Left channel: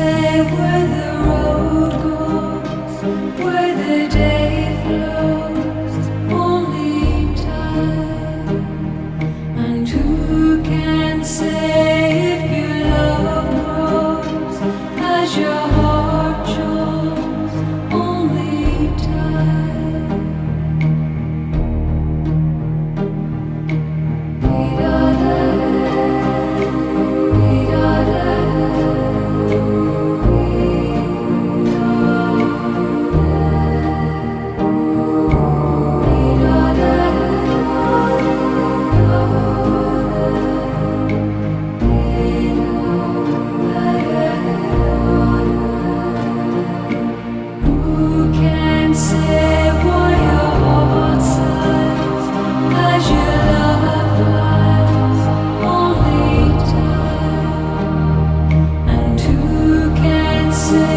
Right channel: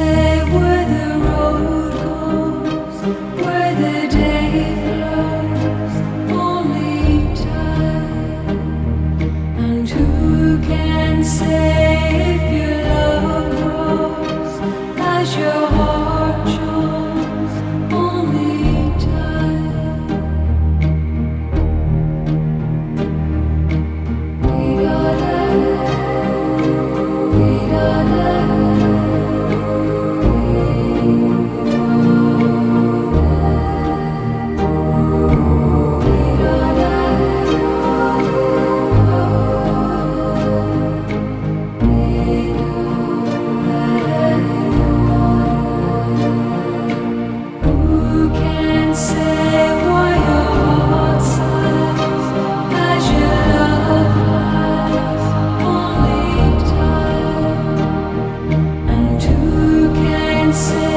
say where the road goes, where the day flows? Only time. And who can say if your love grows as your heart shows? Only time. Who can say why your heart sighs as your love flies? Only time. And who can say